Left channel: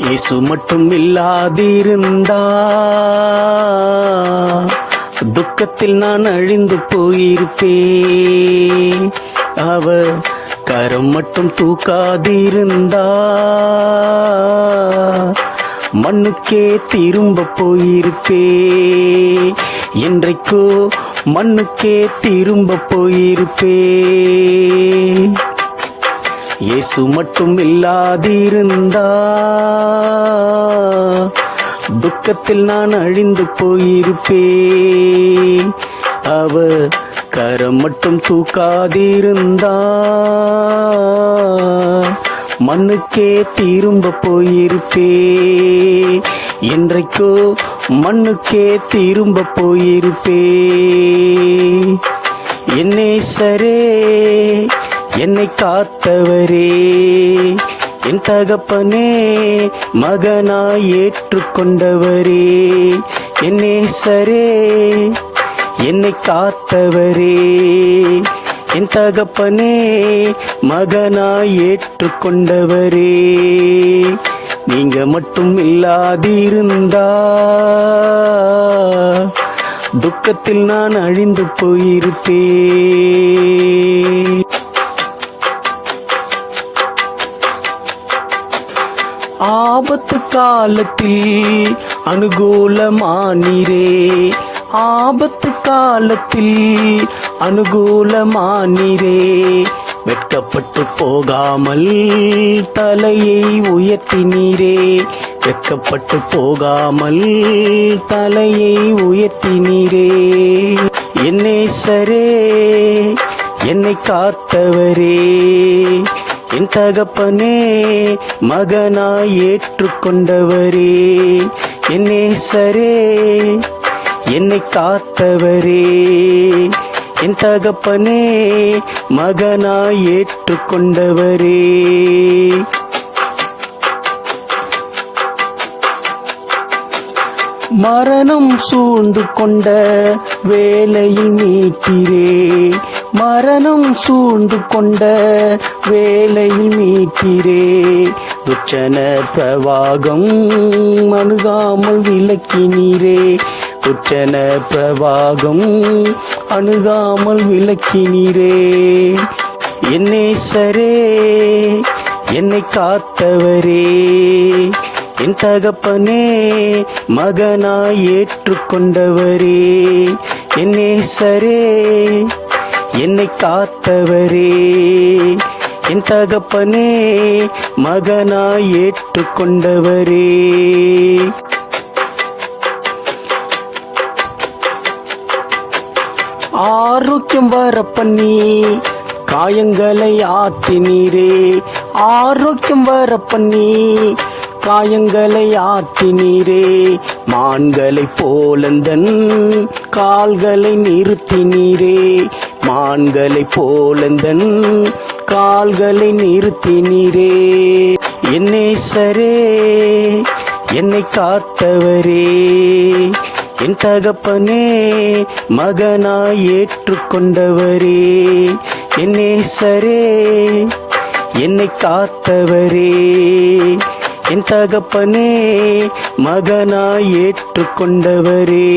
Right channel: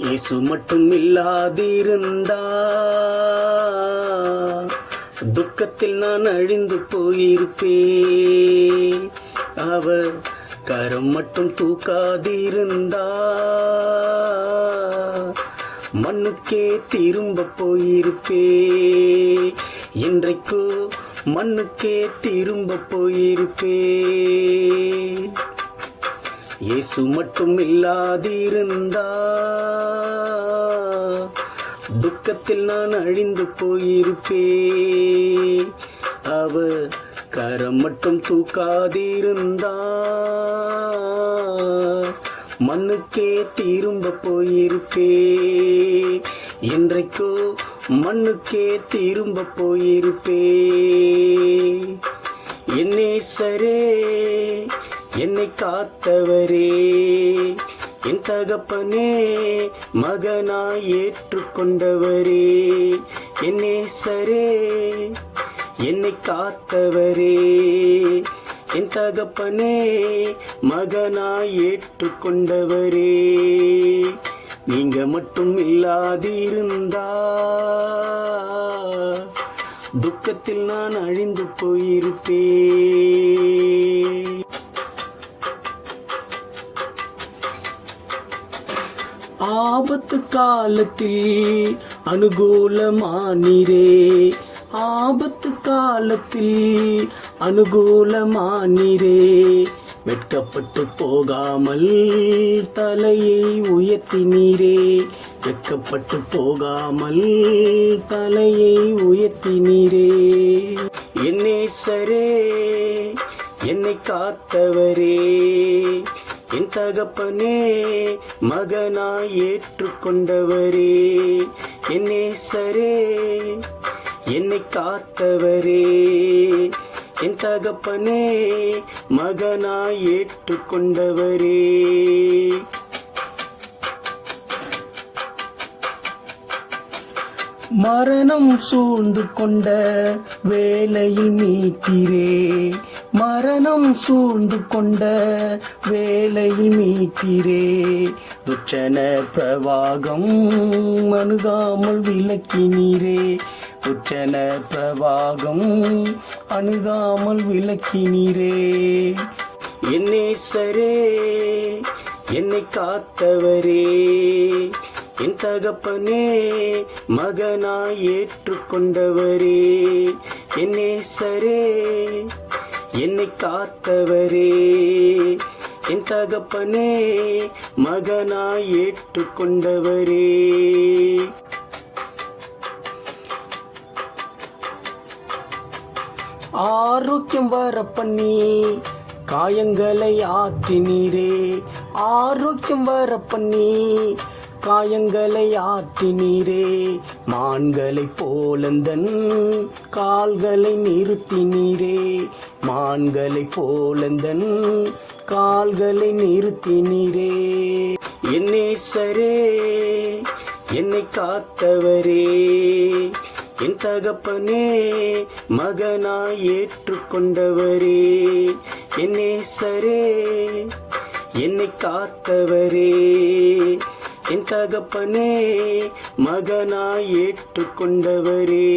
இயேசு மட்டும் இல்லாதிருந்தா துக்கத்தில் நான் அழிந்து போயிருப்பே அவர் கரம் மட்டும் தூக்காதிருந்தா. மண்ணுக்கே திரும்ப போயிருப்பே என்றைக்கோ மண்ணுக்கே திரும்ப போயிருப்பே இயேசு மட்டும் இல்லாதிருந்தா. துக்கத்தில் நான் அழிந்து போயிருப்பே அவ கரம் மட்டும் தூக்காதிருந்தா. மண்ணுக்கே திரும்ப போயிருப்பே என்றைக்கோ மண்ணுக்கே திரும்ப போயிருப்பே என்னே சரே என்னை காத்தவரே என் தகப்பனே மகனாய் ஏற்றுக்கொண்டவரே என்னே சரே என்னை காத்தவரே என் தகப்பனே மகனாய் ஏற்றுக்கொண்டவரே. நீங்க மட்டும் இல்லாதிருந்தா துக்கத்தில் நான் அழிந்து போயிருப்பேன் காலத்தில் அனுகூலமானீரே. ஆபத்து காலத்தில் அனுகூலமானீரே. வெட்கப்பட்டு போகாமல் தலையை உயர்த்தினீரே. வெட்கப்பட்டு போகாமல் தலையை உயர்த்தினீரே. என்னே சரே என்னை காத்தவரே. என் தகப்பனே மகனாய் ஏற்றுக்கொண்டவரே என்னே சரே என்னை காத்தவரே. என் தகப்பனே மகனாய் ஏற்றுக்கொண்டவரே. மரணம் சூழ்ந்து கொண்ட வேலையில் நீட்டிரே மரணம் சூழ்ந்து கொண்ட வேலையில் மீட்டிரே துச்சன பிரவாகம் அணுகாமல் விளக்கினீரே. துச்சன பிரவாகம் அணுகாமல் விளக்கினீரே. என்னே சரே என்னை காத்தவரே. என் தகப்பனே மகனாய் ஏற்றுக்கொண்டவரே. என்னே சரே என்னை காத்தவரே என் தகப்பனே மகனாய் ஏற்றுக்கொண்டவரே. ஆரோக்கியம் வர பண்ணி காயங்களை ஆற்றினீரே. ஆரோக்கியம் வர பண்ணி காயங்களை ஆற்றினீரே. மான்களை போலந்தன் கால்களை நிறுத்தினீரே. மான்களை போலந்தன் கால்களை நிறுத்தினீரே என்னை சரே என்னை காத்தவரே. என் தகப்பனே மகனாய் ஏற்றுக்கொண்டவரே. என்னே சரே என்னை காத்தவரே. என் தகப்பனே மகனாய் ஏற்றுக்கொண்டவரே.